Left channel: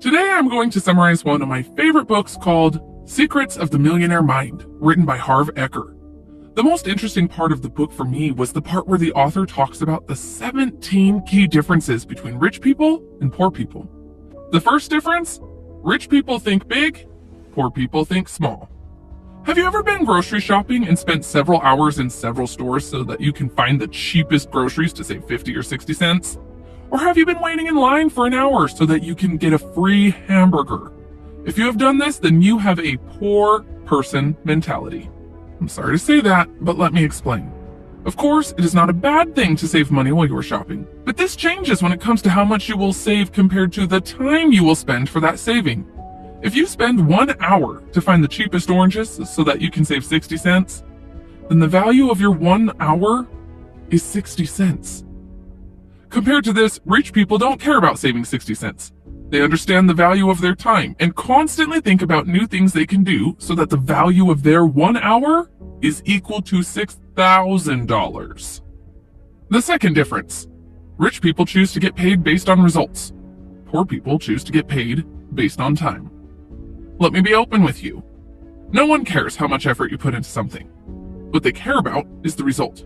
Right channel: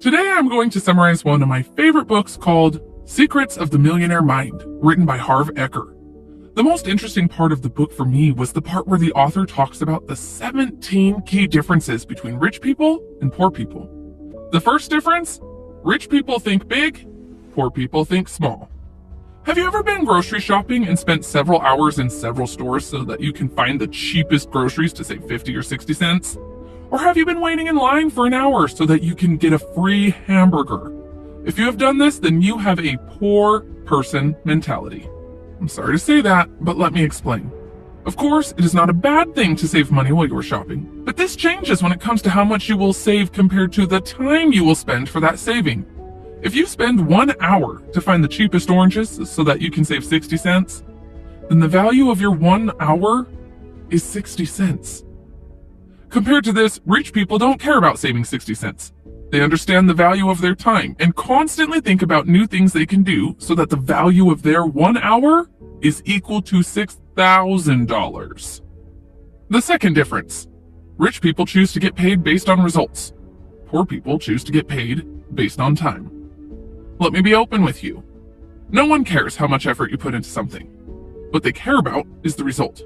Today I'm going to summarize one of my favorite books called Secrets of the Millionaire Mind, written by Harv Eker. The most interesting part of the book for me was the part where the author talks about the 17 key differences between rich people and poor people. The first difference: rich people think big, poor people think small. Have you ever been grocery shopping and spent several hours in several stores so that you can find the cheapest groceries to save 50 or 60 cents? Or have you been waiting in line for an hour so that you can get a free hamburger? If you have done this, then you have a poor person mentality. I'm sorry to say that, but let me explain. Of course, it is not a bad thing to save money while you are shopping, but this changes when it comes to how much you will save compared to the time you will spend for that saving. If you spend 1 hour to find the cheapest oranges so that you can save 60 cents, then the value of your 1 hour is 60 cents. Compared to this, rich people don't care about saving 60 cents. They understand the value of their time and constantly think about new things they can do so that the value of their 1 hour is equal to $6,000. The second difference: rich people choose to get paid based on results. Poor people choose to get paid based on time. Let me be open with you. No one cares how much effort you put into something. What they care about is the result.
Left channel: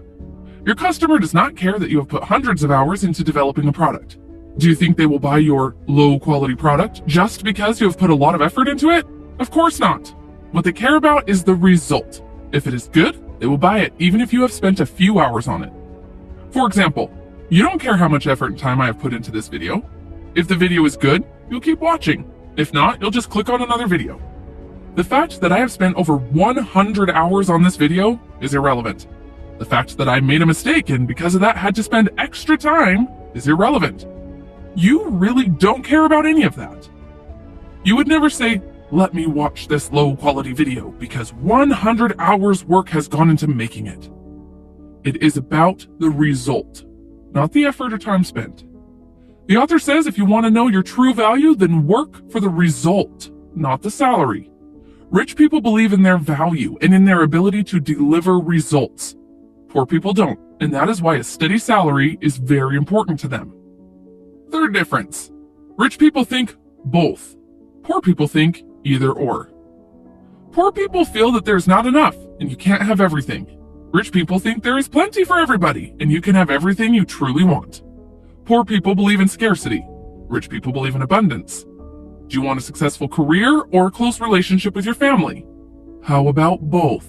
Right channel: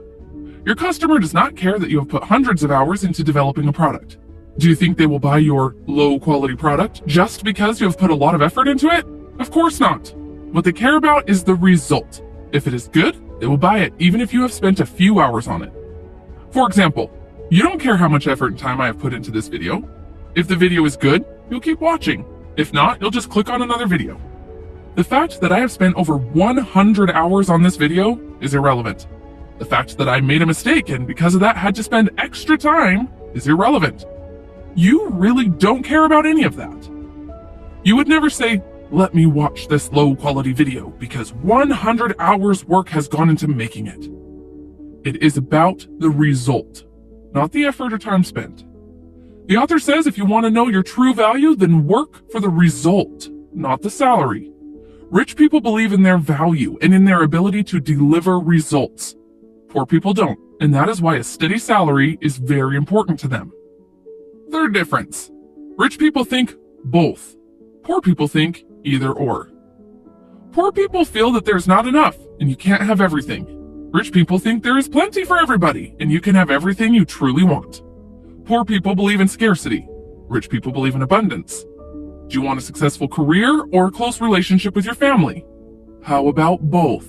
Your customer does not care that you have put hundreds of hours into developing a product. Do you think they will buy your low-quality product just because you have put a lot of effort into it? Of course not. What they care about is the result. If it is good, they will buy it even if you have spent a few hours on it. For example, you don't care how much effort and time I have put into this video. If the video is good, you'll keep watching. If not, you'll just click on another video. The fact that I have spent over 100 hours on this video is irrelevant. The fact that I made a mistake and because of that had to spend extra time is irrelevant. You really don't care about any of that. You would never say, "Let me watch this low quality video because 100 hours work has gone into making it." It is about the result, not the effort or time spent. The author says if you want to know your true value, then work for the result, not the salary. Rich people believe in their value and in their ability to deliver results. Poor people don't, and that is why a steady salary is very important to them. Third difference: rich people think both. Poor people think either or. Poor people feel that there's not enough and you can't have everything. Rich people think there is plenty for everybody and you can have everything you truly want. Poor people believe in scarcity. Rich people believe in abundance. Do you want a successful career or a close relationship with your family? How about both?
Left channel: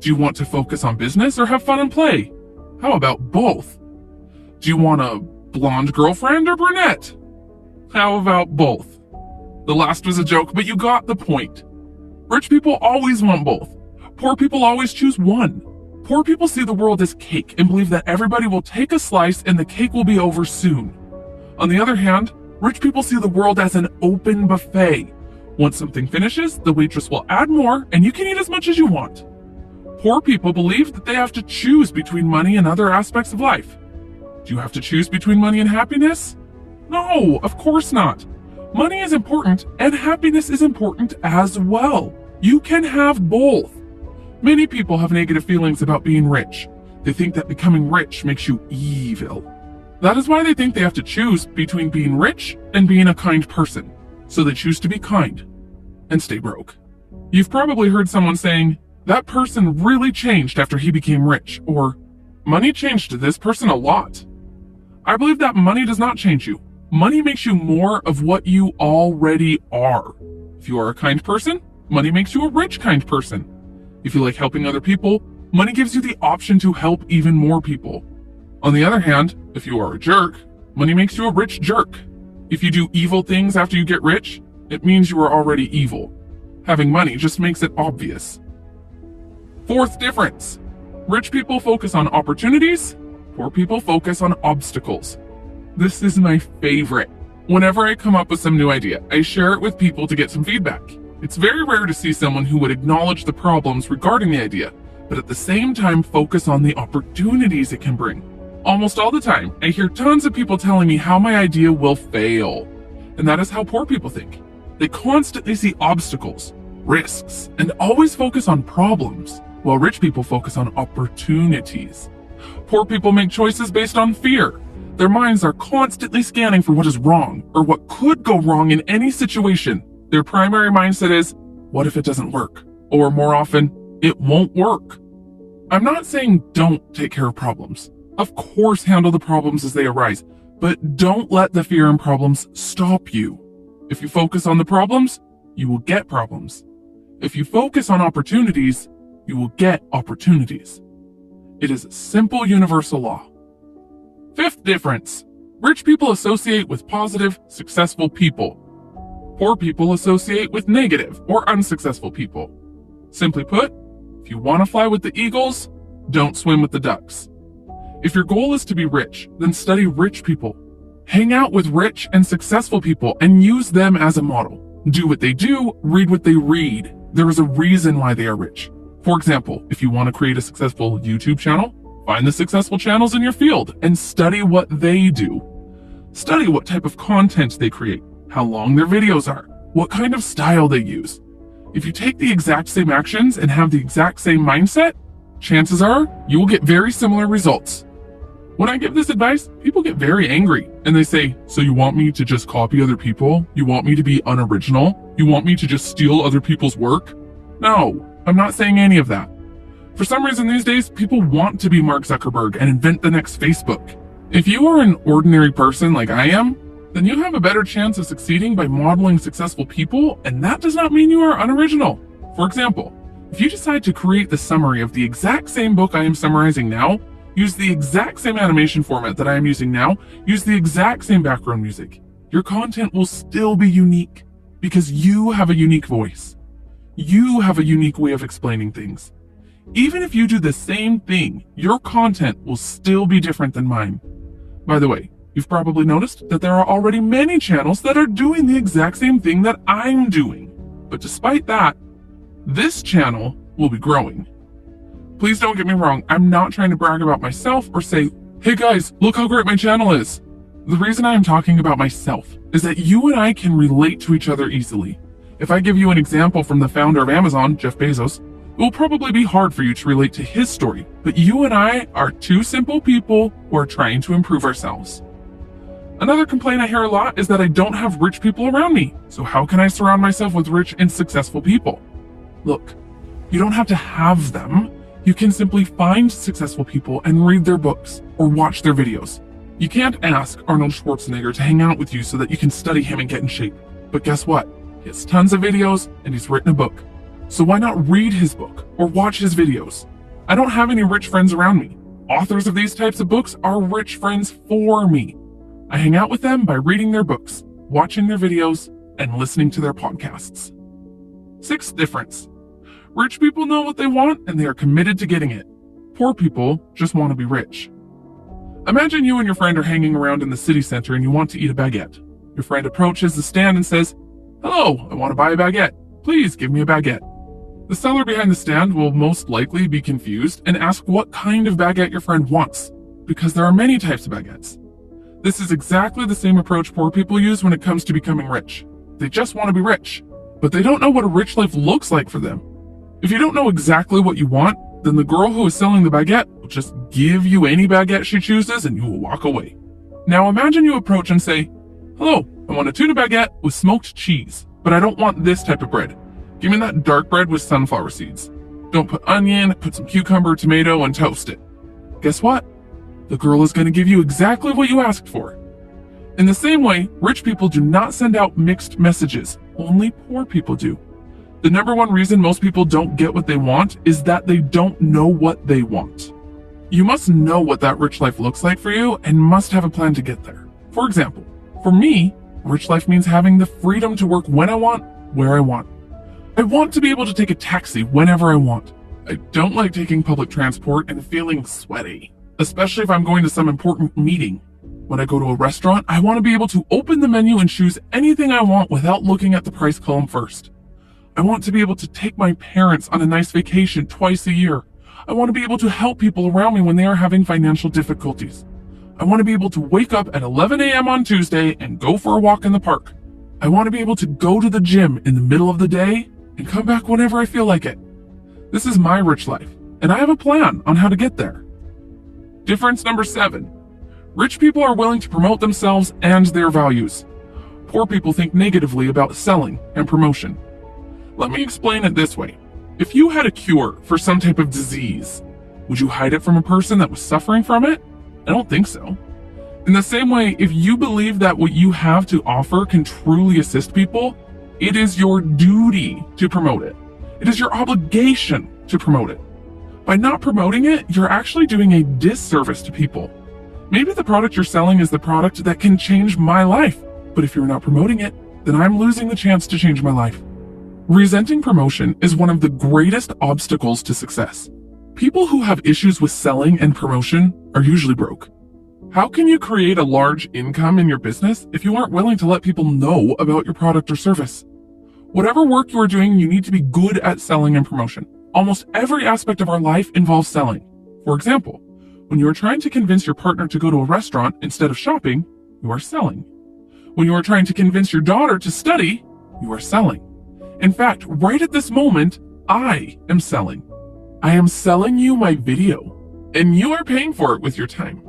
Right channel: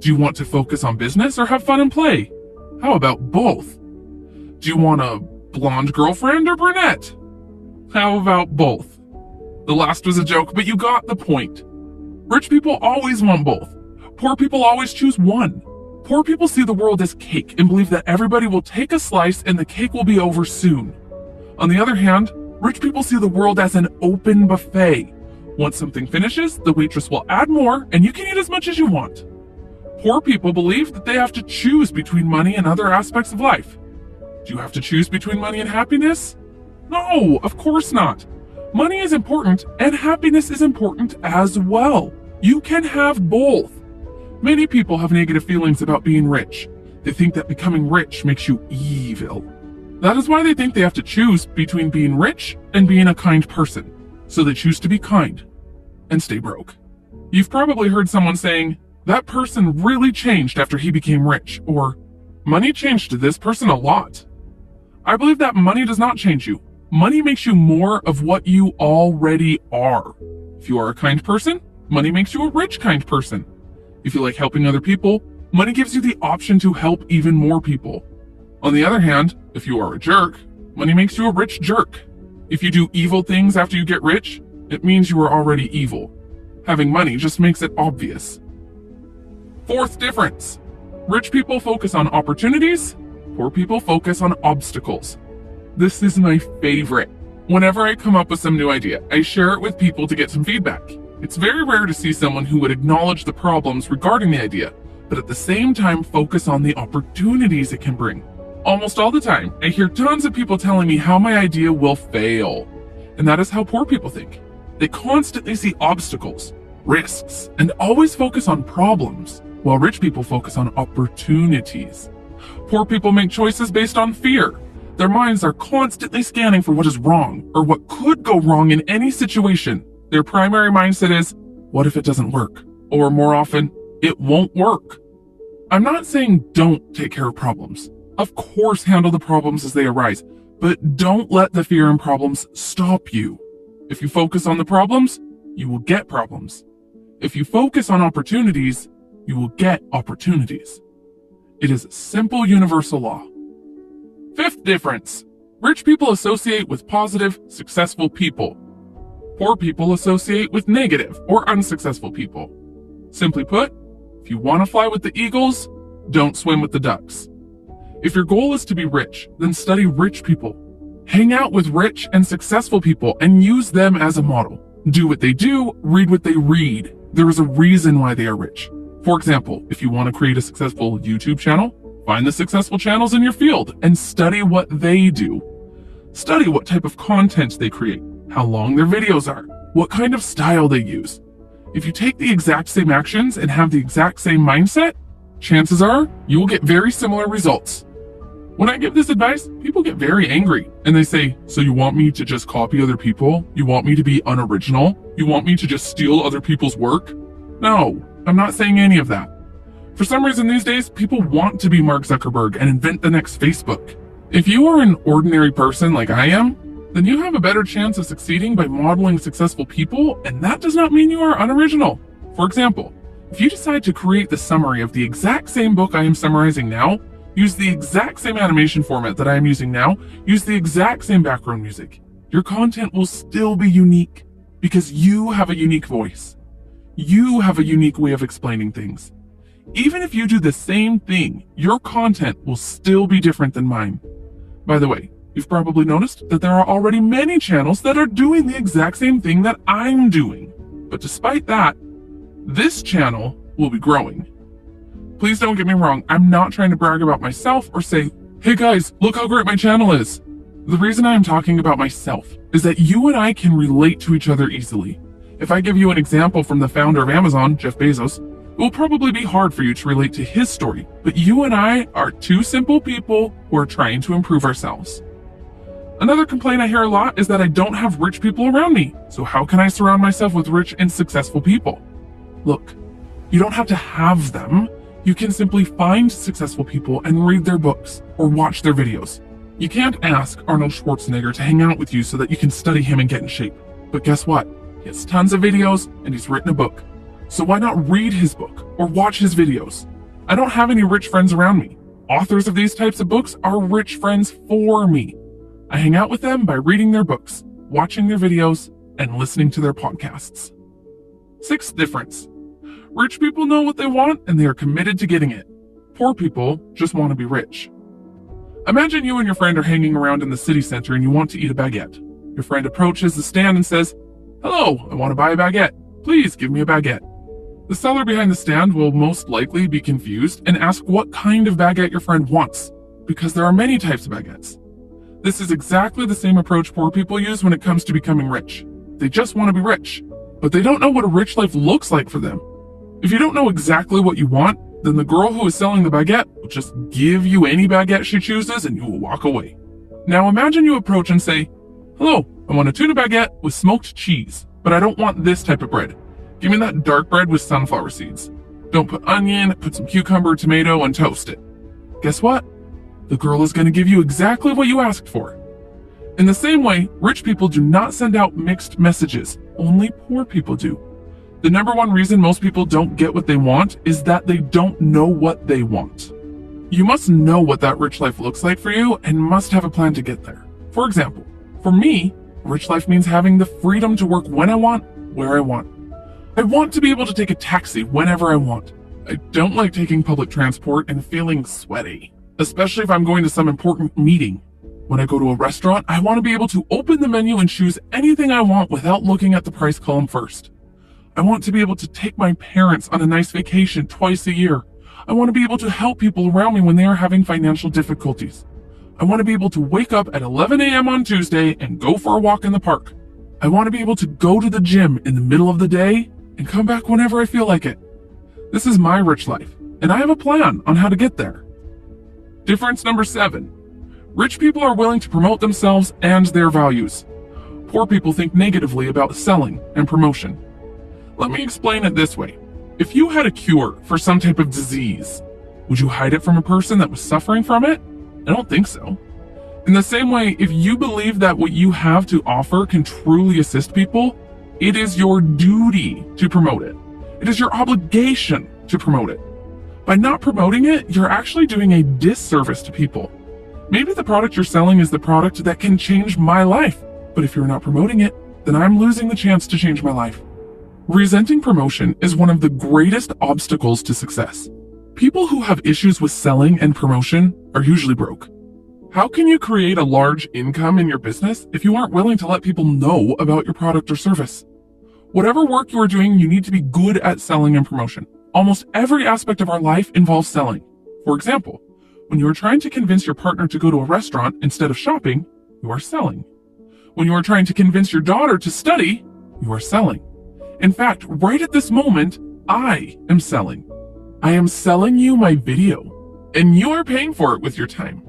Do you want to focus on business or have fun and play? How about both? Do you want a blonde girlfriend or brunette? How about both? The last was a joke, but you got the point. Rich people always want both. Poor people always choose one. Poor people see the world as cake and believe that everybody will take a slice and the cake will be over soon. On the other hand, rich people see the world as an open buffet. Once something finishes, the waitress will add more and you can eat as much as you want. Poor people believe that they have to choose between money and other aspects of life. Do you have to choose between money and happiness? No, of course not. Money is important and happiness is important as well. You can have both. Many people have negative feelings about being rich. They think that becoming rich makes you evil. That is why they think they have to choose between being rich and being a kind person. So they choose to be kind and stay broke. You've probably heard someone saying, "That person really changed after he became rich," or "Money changed this person a lot." I believe that money does not change you. Money makes you more of what you already are. If you are a kind person, money makes you a rich kind person. If you like helping other people, money gives you the option to help even more people. On the other hand, if you are a jerk, money makes you a rich jerk. If you do evil things after you get rich, it means you are already evil. Having money just makes it obvious. Fourth difference: rich people focus on opportunities, poor people focus on obstacles. This is my favorite. Whenever I come up with some new idea, I share it with people to get some feedback. It's very rare to see someone who would acknowledge the problems regarding the idea, but at the same time focus on the opportunities it can bring. Almost all the time, I hear tons of people telling me how my idea will fail. And that is how poor people think. They constantly see obstacles, risks, and always focus on problems, while rich people focus on opportunities. Poor people make choices based on fear. Their minds are constantly scanning for what is wrong or what could go wrong in any situation. Their primary mindset is, what if it doesn't work? Or more often, it won't work. I'm not saying don't take care of problems. Of course, handle the problems as they arise, but don't let the fear and problems stop you. If you focus on the problems, you will get problems. If you focus on opportunities, you will get opportunities. It is a simple universal law. Fifth difference. Rich people associate with positive, successful people. Poor people associate with negative or unsuccessful people. Simply put, if you want to fly with the eagles, don't swim with the ducks. If your goal is to be rich, then study rich people. Hang out with rich and successful people and use them as a model. Do what they do, read what they read. There is a reason why they are rich. For example, if you want to create a successful YouTube channel, find the successful channels in your field and study what they do. Study what type of content they create, how long their videos are, what kind of style they use. If you take the exact same actions and have the exact same mindset, chances are you will get very similar results. When I give this advice, people get very angry and they say, so you want me to just copy other people? You want me to be unoriginal? You want me to just steal other people's work? No, I'm not saying any of that. For some reason these days, people want to be Mark Zuckerberg and invent the next Facebook. If you are an ordinary person like I am, then you have a better chance of succeeding by modeling successful people, and that does not mean you are unoriginal. For example, if you decide to create the summary of the exact same book I am summarizing now, use the exact same animation format that I am using now, use the exact same background music, your content will still be unique because you have a unique voice. You have a unique way of explaining things. Even if you do the same thing, your content will still be different than mine. By the way, you've probably noticed that there are already many channels that are doing the exact same thing that I'm doing. But despite that, this channel will be growing. Please don't get me wrong, I'm not trying to brag about myself or say, hey guys, look how great my channel is. The reason I am talking about myself is that you and I can relate to each other easily. If I give you an example from the founder of Amazon, Jeff Bezos, it will probably be hard for you to relate to his story, but you and I are two simple people who are trying to improve ourselves. Another complaint I hear a lot is that I don't have rich people around me. So how can I surround myself with rich and successful people? Look, you don't have to have them. You can simply find successful people and read their books or watch their videos. You can't ask Arnold Schwarzenegger to hang out with you so that you can study him and get in shape. But guess what? He has tons of videos and he's written a book. So why not read his book or watch his videos? I don't have any rich friends around me. Authors of these types of books are rich friends for me. I hang out with them by reading their books, watching their videos, and listening to their podcasts. Sixth difference. Rich people know what they want and they are committed to getting it. Poor people just want to be rich. Imagine you and your friend are hanging around in the city center and you want to eat a baguette. Your friend approaches the stand and says, hello, I want to buy a baguette. Please give me a baguette. The seller behind the stand will most likely be confused and ask what kind of baguette your friend wants, because there are many types of baguettes. This is exactly the same approach poor people use when it comes to becoming rich. They just want to be rich, but they don't know what a rich life looks like for them. If you don't know exactly what you want, then the girl who is selling the baguette will just give you any baguette she chooses and you will walk away. Now imagine you approach and say, hello, I want a tuna baguette with smoked cheese, but I don't want this type of bread. Give me that dark bread with sunflower seeds. Don't put onion, put some cucumber, tomato, and toast it. Guess what? The girl is going to give you exactly what you asked for. In the same way, rich people do not send out mixed messages. Only poor people do. The number one reason most people don't get what they want is that they don't know what they want. You must know what that rich life looks like for you and must have a plan to get there. For example, for me, rich life means having the freedom to work when I want, where I want. I want to be able to take a taxi whenever I want. I don't like taking public transport and feeling sweaty, especially if I'm going to some important meeting. When I go to a restaurant, I want to be able to open the menu and choose anything I want without looking at the price column first. I want to be able to take my parents on a nice vacation twice a year. I want to be able to help people around me when they are having financial difficulties. I want to be able to wake up at 11 a.m. on Tuesday and go for a walk in the park. I want to be able to go to the gym in the middle of the day and come back whenever I feel like it. This is my rich life, and I have a plan on how to get there. Difference number 7. Rich people are willing to promote themselves and their values. Poor people think negatively about selling and promotion. Let me explain it this way. If you had a cure for some type of disease, would you hide it from a person that was suffering from it? I don't think so. In the same way, if you believe that what you have to offer can truly assist people, it is your duty to promote it. It is your obligation to promote it. By not promoting it, you're actually doing a disservice to people. Maybe the product you're selling is the product that can change my life, but if you're not promoting it, then I'm losing the chance to change my life. Resenting promotion is one of the greatest obstacles to success. People who have issues with selling and promotion are usually broke. How can you create a large income in your business if you aren't willing to let people know about your product or service? Whatever work you are doing, you need to be good at selling and promotion. Almost every aspect of our life involves selling. For example, when you are trying to convince your partner to go to a restaurant instead of shopping, you are selling. When you are trying to convince your daughter to study, you are selling. In fact, right at this moment, I am selling. I am selling you my video, and you are paying for it with your time.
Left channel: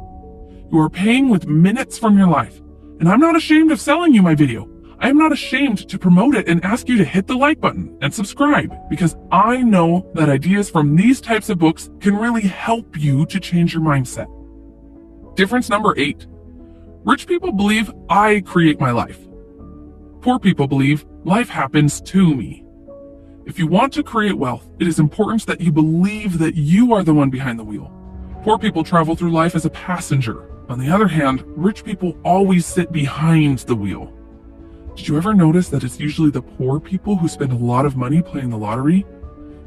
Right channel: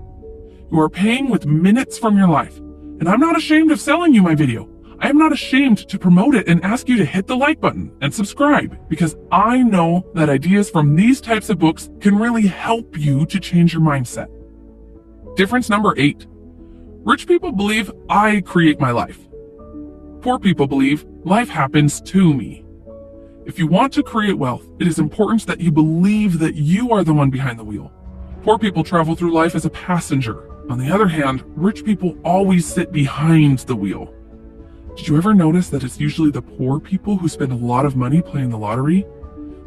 You are paying with minutes from your life, and I'm not ashamed of selling you my video. I am not ashamed to promote it and ask you to hit the like button and subscribe, because I know that ideas from these types of books can really help you to change your mindset. Difference number 8. Rich people believe I create my life. Poor people believe life happens to me. If you want to create wealth, it is important that you believe that you are the one behind the wheel. Poor people travel through life as a passenger. On the other hand, rich people always sit behind the wheel. Did you ever notice that it's usually the poor people who spend a lot of money playing the lottery?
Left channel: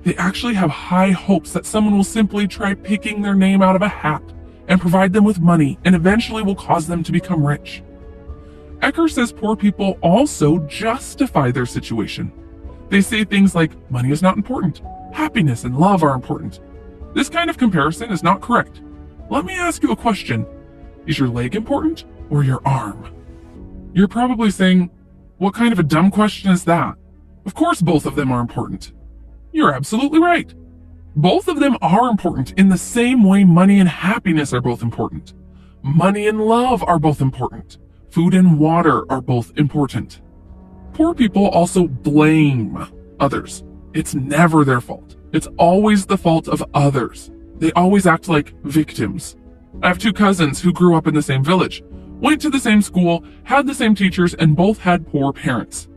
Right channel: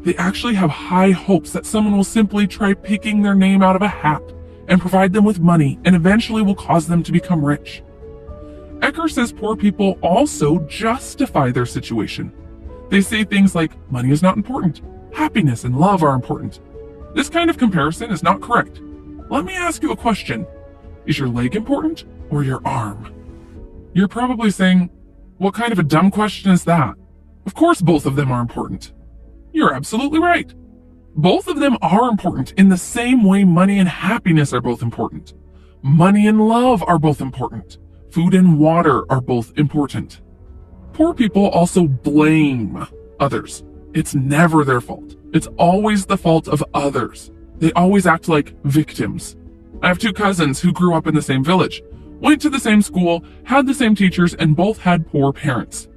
They actually have high hopes that someone will simply try picking their name out of a hat and provide them with money and eventually will cause them to become rich. Ecker says poor people also justify their situation. They say things like, money is not important, happiness and love are important. This kind of comparison is not correct. Let me ask you a question. Is your leg important or your arm? You're probably saying, what kind of a dumb question is that? Of course both of them are important. You're absolutely right. Both of them are important in the same way money and happiness are both important. Money and love are both important. Food and water are both important. Poor people also blame others. It's never their fault. It's always the fault of others. They always act like victims. I have 2 cousins who grew up in the same village, went to the same school, had the same teachers, and both had poor parents.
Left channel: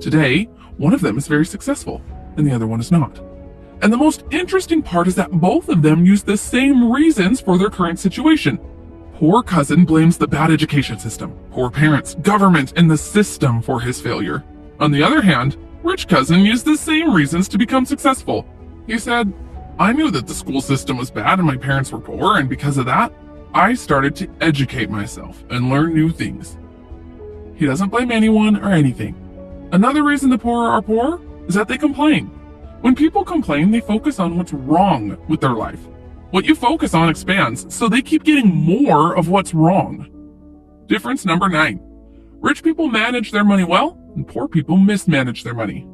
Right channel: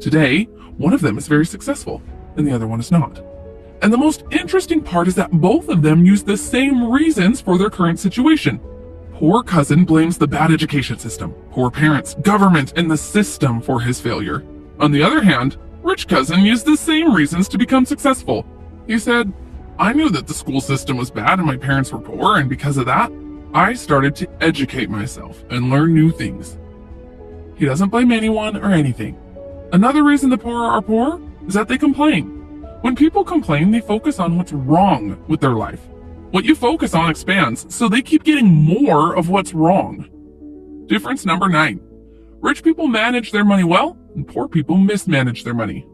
Today, one of them is very successful, and the other one is not. And the most interesting part is that both of them use the same reasons for their current situation. Poor cousin blames the bad education system, poor parents, government, and the system for his failure. On the other hand, rich cousin used the same reasons to become successful. He said, I knew that the school system was bad and my parents were poor, and because of that, I started to educate myself and learn new things. He doesn't blame anyone or anything. Another reason the poor are poor is that they complain. When people complain, they focus on what's wrong with their life. What you focus on expands, so they keep getting more of what's wrong. Difference number 9. Rich people manage their money well, and poor people mismanage their money.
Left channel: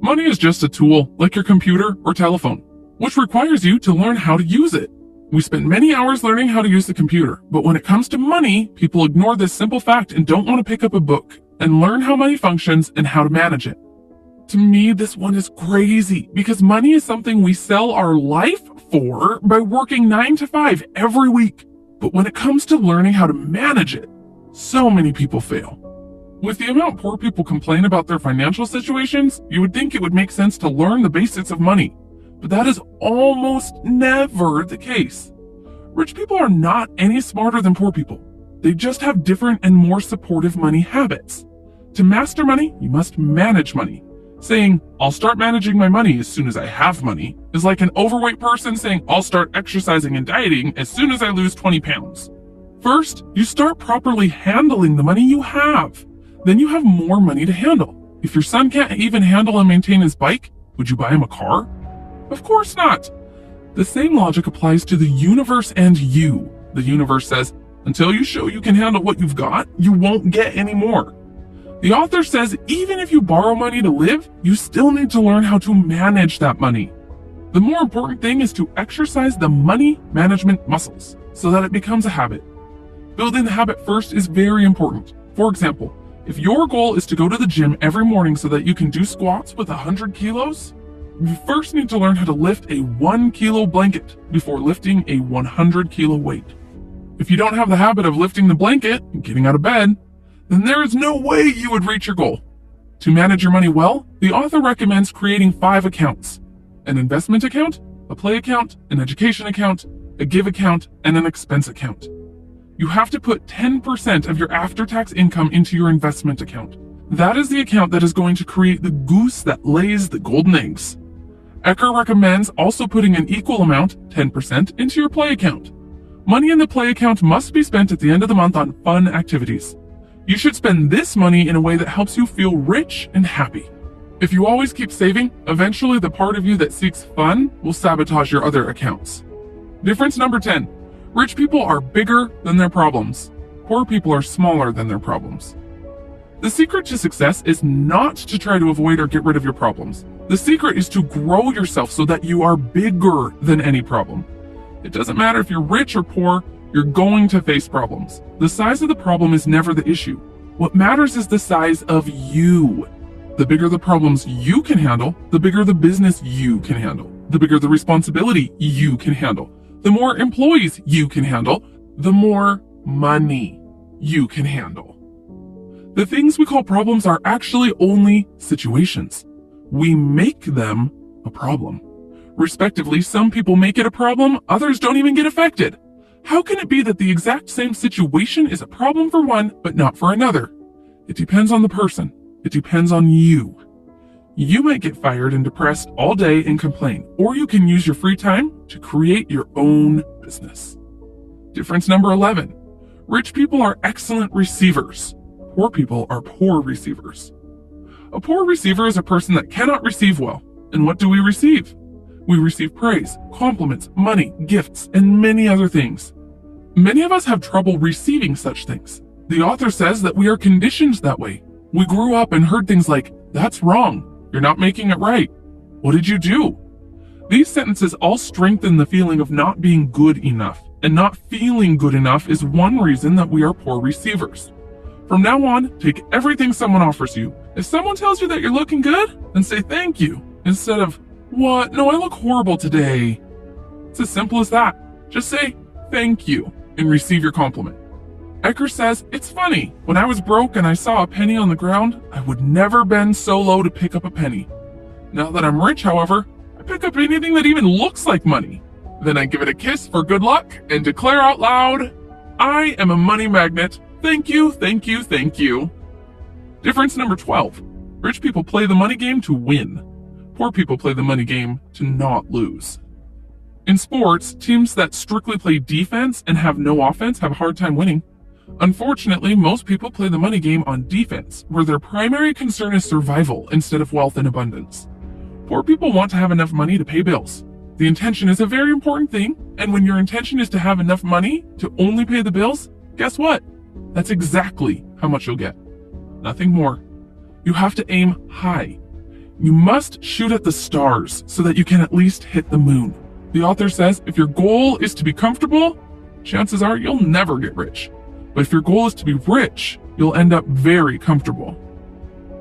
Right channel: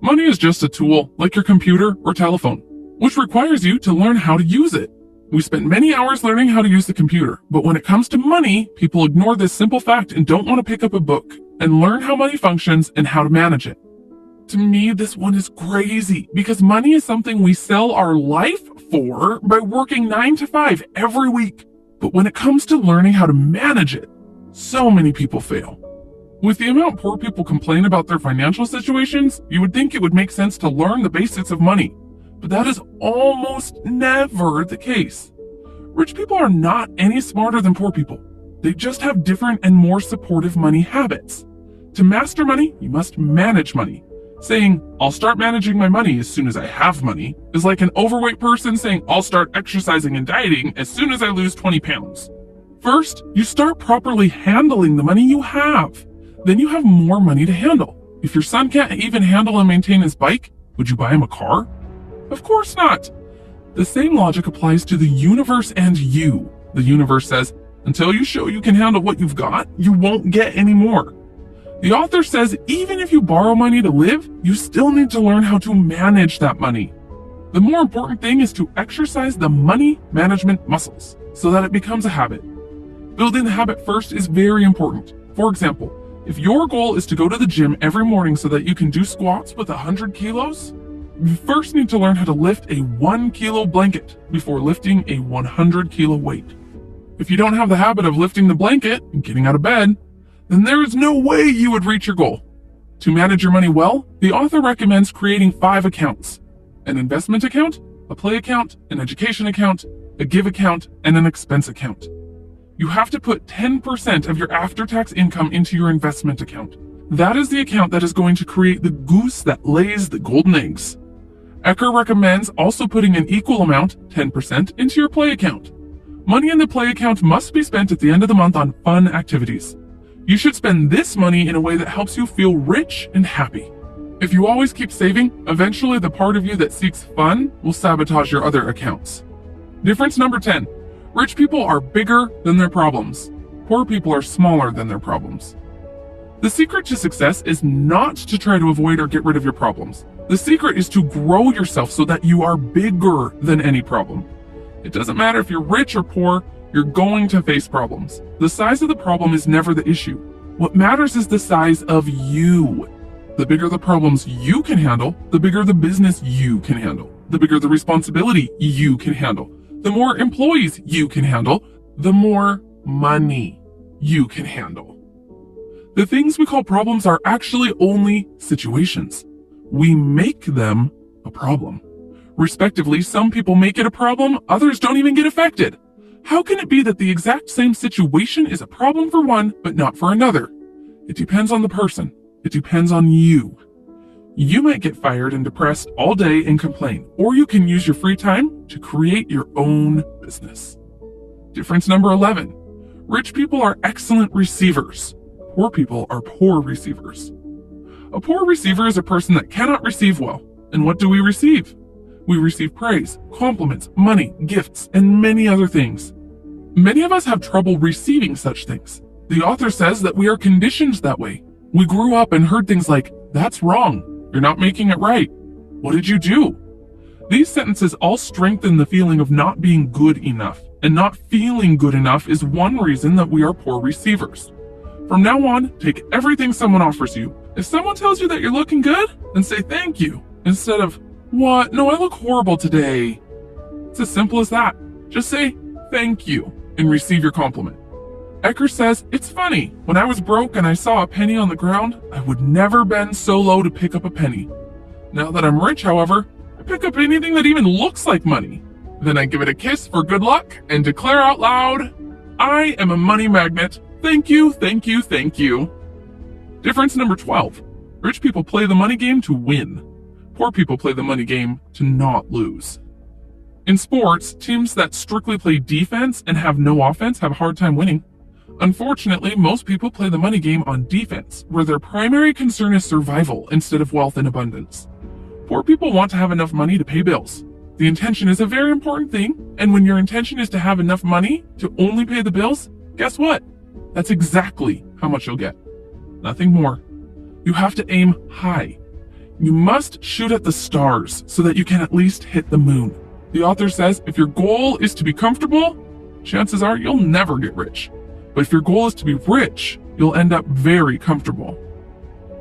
Money is just a tool, like your computer or telephone, which requires you to learn how to use it. We spend many hours learning how to use the computer, but when it comes to money, people ignore this simple fact and don't want to pick up a book and learn how money functions and how to manage it. To me, this one is crazy because money is something we sell our life for by working 9 to 5 every week. But when it comes to learning how to manage it, so many people fail. With the amount poor people complain about their financial situations, you would think it would make sense to learn the basics of money. But that is almost never the case. Rich people are not any smarter than poor people. They just have different and more supportive money habits. To master money, you must manage money. Saying, I'll start managing my money as soon as I have money, is like an overweight person saying, I'll start exercising and dieting as soon as I lose 20 pounds. First, you start properly handling the money you have. Then you have more money to handle. If your son can't even handle and maintain his bike, would you buy him a car? Of course not. The same logic applies to the universe and you. The universe says, until you show you can handle what you've got, you won't get any more. The author says even if you borrow money to live, you still need to learn how to manage that money. The more important thing is to exercise the money management muscles so that it becomes a habit. Building the habit first is very important. For example, if your goal is to go to the gym every morning so that you can do squats with 100 kilos, you first need to learn how to lift a 1 kilo blanket before lifting a 100 kilo weight. If you don't have the habit of lifting the blanket and getting out of bed, then there is no way you would reach your goal. To manage your money well, the author recommends creating 5 accounts: an investment account, a play account, an education account, a give account, and an expense account. You have to put 10% of your after-tax income into your investment account. That is the account that is going to create the goose that lays the golden eggs. Ecker recommends also putting an equal amount, 10%, into your play account. Money in the play account must be spent at the end of the month on fun activities. You should spend this money in a way that helps you feel rich and happy. If you always keep saving, eventually the part of you that seeks fun will sabotage your other accounts. Difference number 10. Rich people are bigger than their problems. Poor people are smaller than their problems. The secret to success is not to try to avoid or get rid of your problems. The secret is to grow yourself so that you are bigger than any problem. It doesn't matter if you're rich or poor, you're going to face problems. The size of the problem is never the issue. What matters is the size of you. The bigger the problems you can handle, the bigger the business you can handle. The bigger the responsibility you can handle. The more employees you can handle, the more money you can handle. The things we call problems are actually only situations. We make them a problem. Respectively, some people make it a problem, others don't even get affected. How can it be that the exact same situation is a problem for one, but not for another? It depends on the person. It depends on you. You might get fired and depressed all day and complain, or you can use your free time to create your own business. Difference number 11. Rich people are excellent receivers. Poor people are poor receivers. A poor receiver is a person that cannot receive well. And what do we receive? We receive praise, compliments, money, gifts, and many other things. Many of us have trouble receiving such things. The author says that we are conditioned that way. We grew up and heard things like, "That's wrong. You're not making it right. What did you do?" These sentences all strengthen the feeling of not being good enough, and not feeling good enough is one reason that we are poor receivers. From now on, take everything someone offers you. If someone tells you that you're looking good, then say thank you, instead of, "What? No, I look horrible today." It's as simple as that. Just say thank you and receive your compliment. Ecker says, "It's funny, when I was broke and I saw a penny on the ground, I would never bend so low to pick up a penny. Now that I'm rich, however, I pick up anything that even looks like money. Then I give it a kiss for good luck and declare out loud, I am a money magnet. Thank you, thank you, thank you." Difference number 12. Rich people play the money game to win. Poor people play the money game to not lose. In sports, teams that strictly play defense and have no offense have a hard time winning. Unfortunately, most people play the money game on defense, where their primary concern is survival instead of wealth and abundance. Poor people want to have enough money to pay bills. The intention is a very important thing, and when your intention is to have enough money to only pay the bills, guess what? That's exactly how much you'll get. Nothing more. You have to aim high. You must shoot at the stars so that you can at least hit the moon. The author says if your goal is to be comfortable, chances are you'll never get rich. But if your goal is to be rich, you'll end up very comfortable.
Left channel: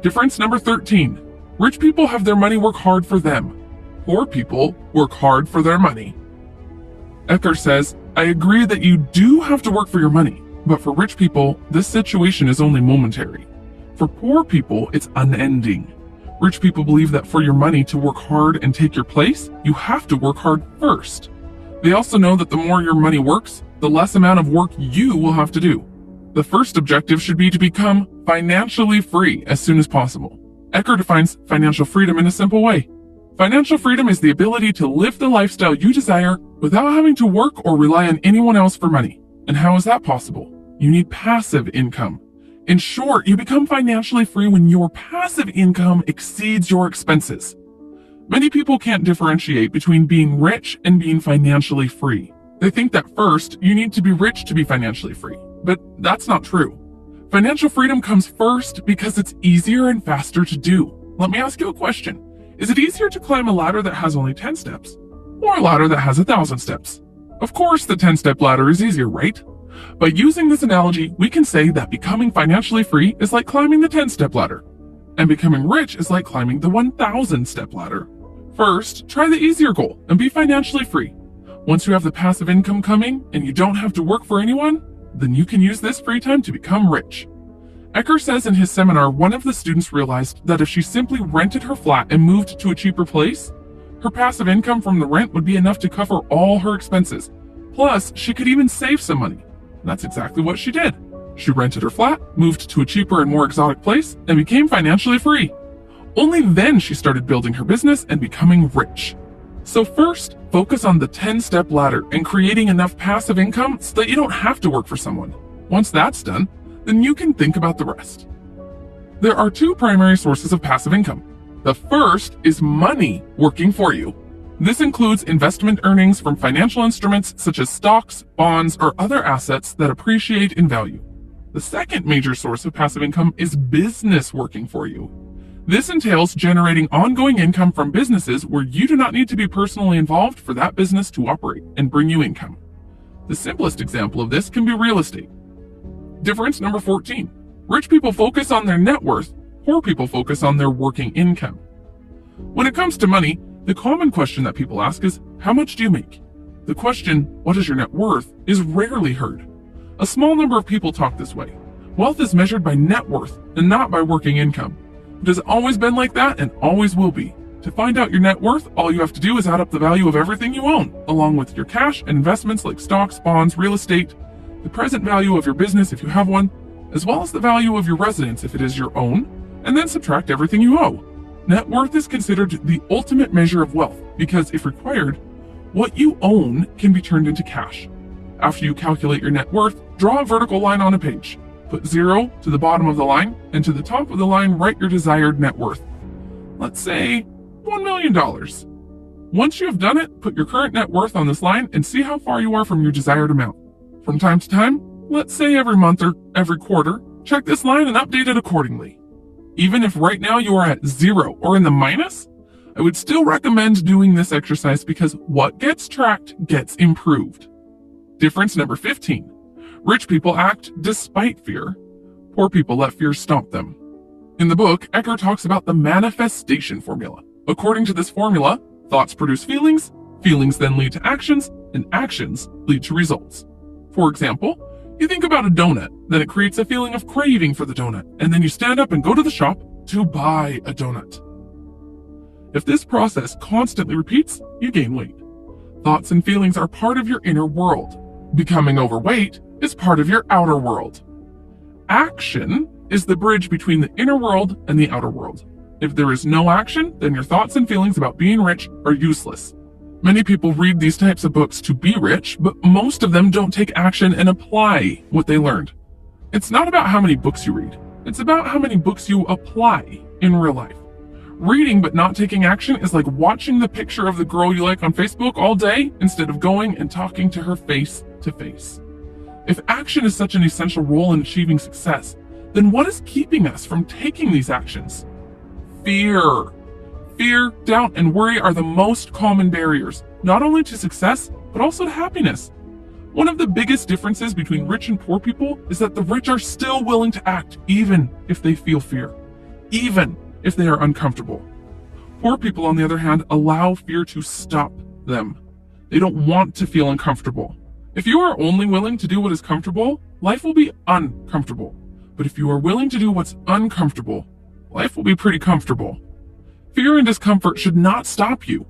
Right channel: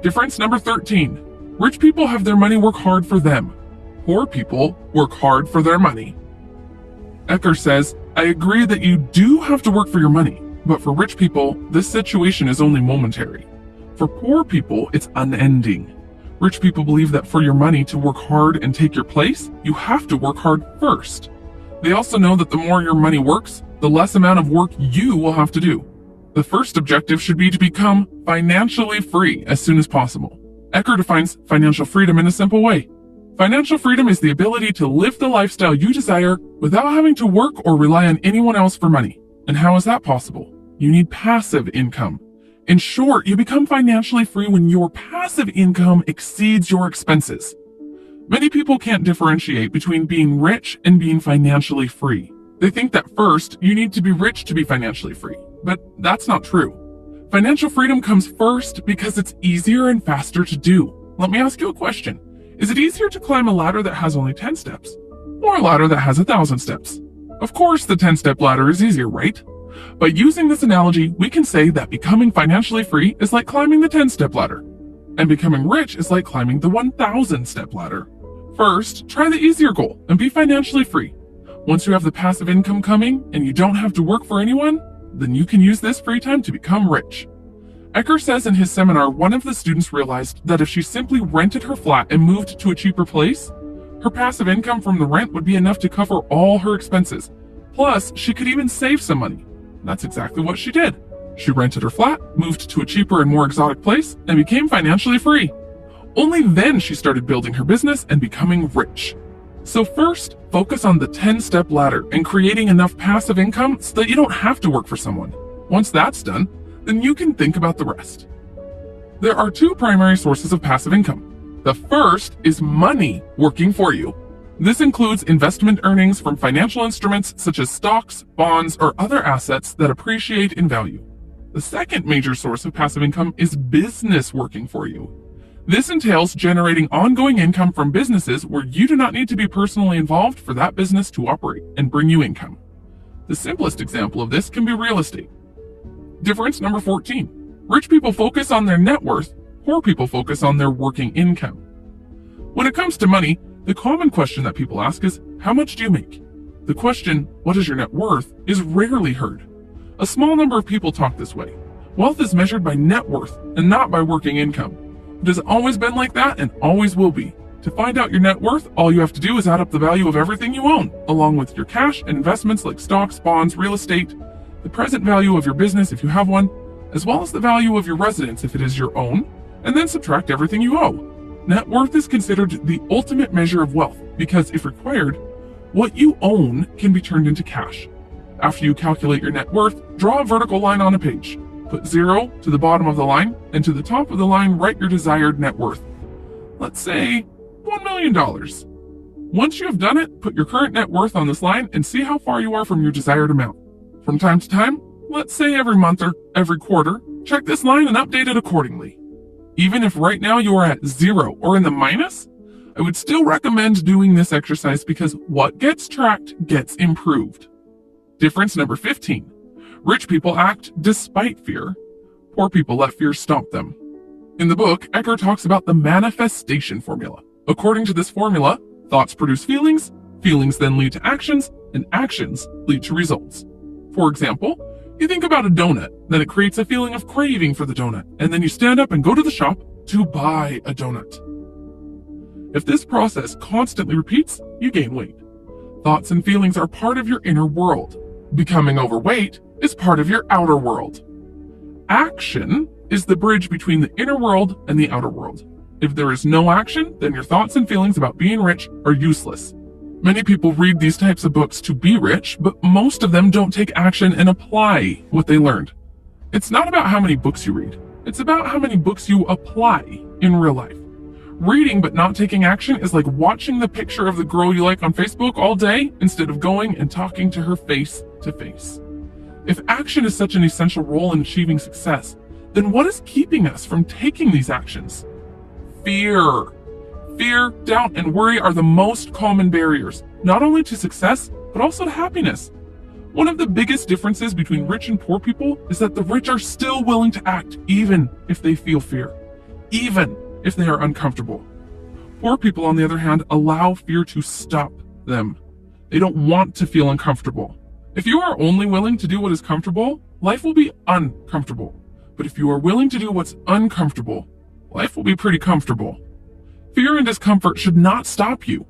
Difference number 13. Rich people have their money work hard for them. Poor people work hard for their money. Ecker says, "I agree that you do have to work for your money, but for rich people, this situation is only momentary. For poor people, it's unending. Rich people believe that for your money to work hard and take your place, you have to work hard first. They also know that the more your money works, the less amount of work you will have to do. The first objective should be to become financially free as soon as possible." Ecker defines financial freedom in a simple way. Financial freedom is the ability to live the lifestyle you desire without having to work or rely on anyone else for money. And how is that possible? You need passive income. In short, you become financially free when your passive income exceeds your expenses. Many people can't differentiate between being rich and being financially free. They think that first, you need to be rich to be financially free. But that's not true. Financial freedom comes first because it's easier and faster to do. Let me ask you a question. Is it easier to climb a ladder that has only 10 steps, or a ladder that has 1,000 steps? Of course the 10-step ladder is easier, right? By using this analogy, we can say that becoming financially free is like climbing the 10-step ladder, and becoming rich is like climbing the 1,000-step ladder. First, try the easier goal and be financially free. Once you have the passive income coming and you don't have to work for anyone, then you can use this free time to become rich. Ecker says in his seminar one of the students realized that if she simply rented her flat and moved to a cheaper place, her passive income from the rent would be enough to cover all her expenses. Plus, she could even save some money. That's exactly what she did. She rented her flat, moved to a cheaper and more exotic place, and became financially free. Only then she started building her business and becoming rich. So first, focus on the 10-step ladder and creating enough passive income so that you don't have to work for someone. Once that's done, then you can think about the rest. There are two primary sources of passive income. The first is money working for you. This includes investment earnings from financial instruments such as stocks, bonds, or other assets that appreciate in value. The second major source of passive income is business working for you. This entails generating ongoing income from businesses where you do not need to be personally involved for that business to operate and bring you income. The simplest example of this can be real estate. Difference number 14. Rich people focus on their net worth, poor people focus on their working income. When it comes to money, the common question that people ask is, how much do you make? The question, what is your net worth, is rarely heard. A small number of people talk this way. Wealth is measured by net worth and not by working income. It has always been like that and always will be. To find out your net worth, all you have to do is add up the value of everything you own, along with your cash and investments like stocks, bonds, real estate, the present value of your business if you have one, as well as the value of your residence if it is your own, and then subtract everything you owe. Net worth is considered the ultimate measure of wealth because, if required, what you own can be turned into cash. After you calculate your net worth, draw a vertical line on a page. Put 0 to the bottom of the line, and to the top of the line write your desired net worth. Let's say $1 million. Once you have done it, put your current net worth on this line and see how far you are from your desired amount. From time to time, let's say every month or every quarter, check this line and update it accordingly. Even if right now you are at 0 or in the minus, I would still recommend doing this exercise because what gets tracked gets improved. Difference number 15. Rich people act despite fear. Poor people let fear stop them. In the book, Ecker talks about the manifestation formula. According to this formula, thoughts produce feelings, feelings then lead to actions, and actions lead to results. For example, you think about a donut, then it creates a feeling of craving for the donut, and then you stand up and go to the shop to buy a donut. If this process constantly repeats, you gain weight. Thoughts and feelings are part of your inner world. Becoming overweight is part of your outer world. Action is the bridge between the inner world and the outer world. If there is no action, then your thoughts and feelings about being rich are useless. Many people read these types of books to be rich, but most of them don't take action and apply what they learned. It's not about how many books you read. It's about how many books you apply in real life. Reading but not taking action is like watching the picture of the girl you like on Facebook all day instead of going and talking to her face to face. If action is such an essential role in achieving success, then what is keeping us from taking these actions? Fear. Fear, doubt, and worry are the most common barriers, not only to success, but also to happiness. One of the biggest differences between rich and poor people is that the rich are still willing to act even if they feel fear, even if they are uncomfortable. Poor people, on the other hand, allow fear to stop them. They don't want to feel uncomfortable. If you are only willing to do what is comfortable, life will be uncomfortable. But if you are willing to do what's uncomfortable, life will be pretty comfortable. Fear and discomfort should not stop you.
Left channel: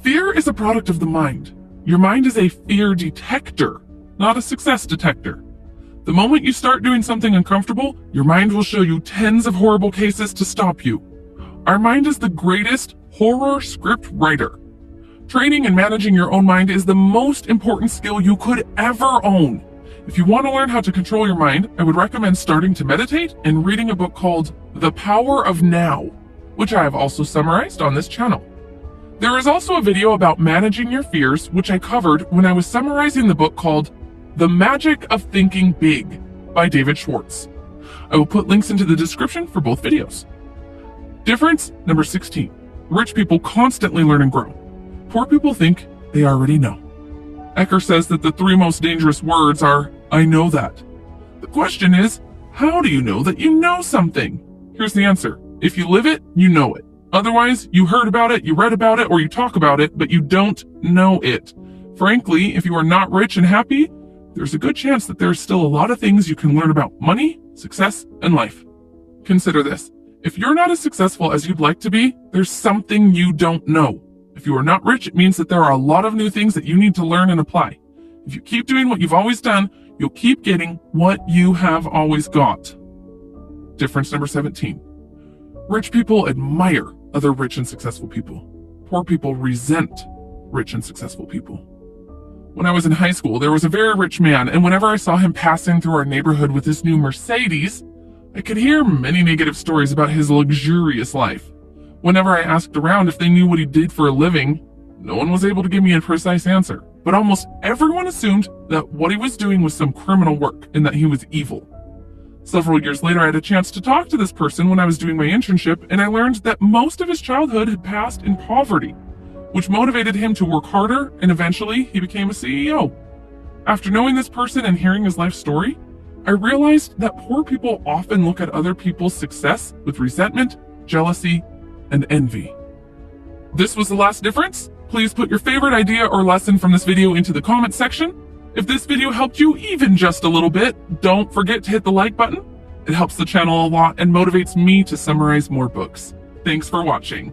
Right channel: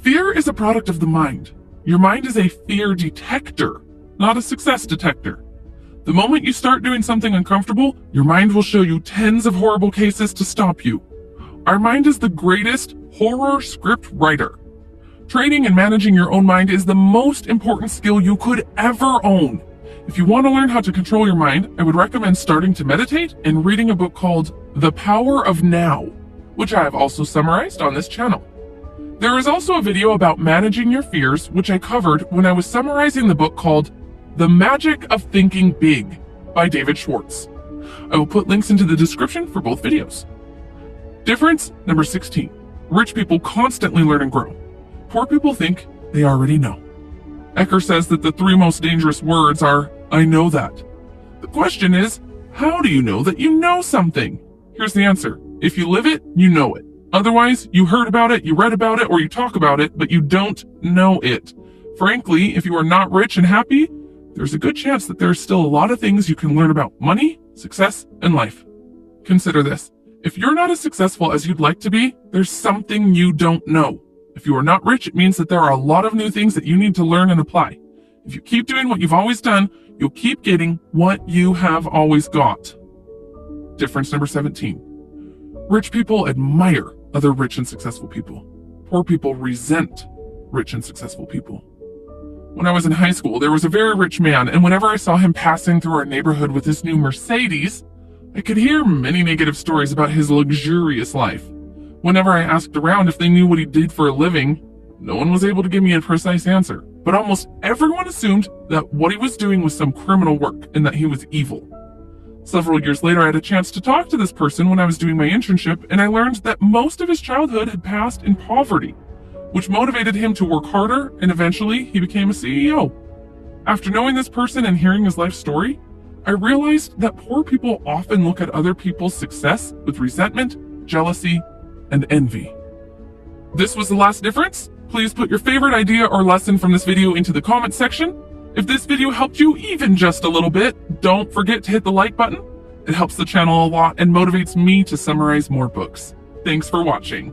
Fear is a product of the mind. Your mind is a fear detector, not a success detector. The moment you start doing something uncomfortable, your mind will show you tens of horrible cases to stop you. Our mind is the greatest horror script writer. Training and managing your own mind is the most important skill you could ever own. If you want to learn how to control your mind, I would recommend starting to meditate and reading a book called The Power of Now, which I have also summarized on this channel. There is also a video about managing your fears, which I covered when I was summarizing the book called The Magic of Thinking Big by David Schwartz. I will put links into the description for both videos. Difference number 16. Rich people constantly learn and grow. Poor people think they already know. Ecker says that the three most dangerous words are I know that. The question is, how do you know that you know something? Here's the answer. If you live it, you know it. Otherwise, you heard about it, you read about it, or you talk about it, but you don't know it. Frankly, if you are not rich and happy, there's a good chance that there's still a lot of things you can learn about money, success, and life. Consider this. If you're not as successful as you'd like to be, there's something you don't know. If you are not rich, it means that there are a lot of new things that you need to learn and apply. If you keep doing what you've always done, you'll keep getting what you have always got. Difference number 17. Rich people admire other rich and successful people. Poor people resent rich and successful people. When I was in high school, there was a very rich man, and whenever I saw him passing through our neighborhood with his new Mercedes, I could hear many negative stories about his luxurious life. Whenever I asked around if they knew what he did for a living, no one was able to give me a precise answer. But almost everyone assumed that what he was doing was some criminal work and that he was evil. Several years later, I had a chance to talk to this person when I was doing my internship, and I learned that most of his childhood had passed in poverty, which motivated him to work harder, and eventually he became a CEO. After knowing this person and hearing his life story, I realized that poor people often look at other people's success with resentment, jealousy, and envy. This was the last difference. Please put your favorite idea or lesson from this video into the comment section. If this video helped you even just a little bit, don't forget to hit the like button. It helps the channel a lot and motivates me to summarize more books. Thanks for watching.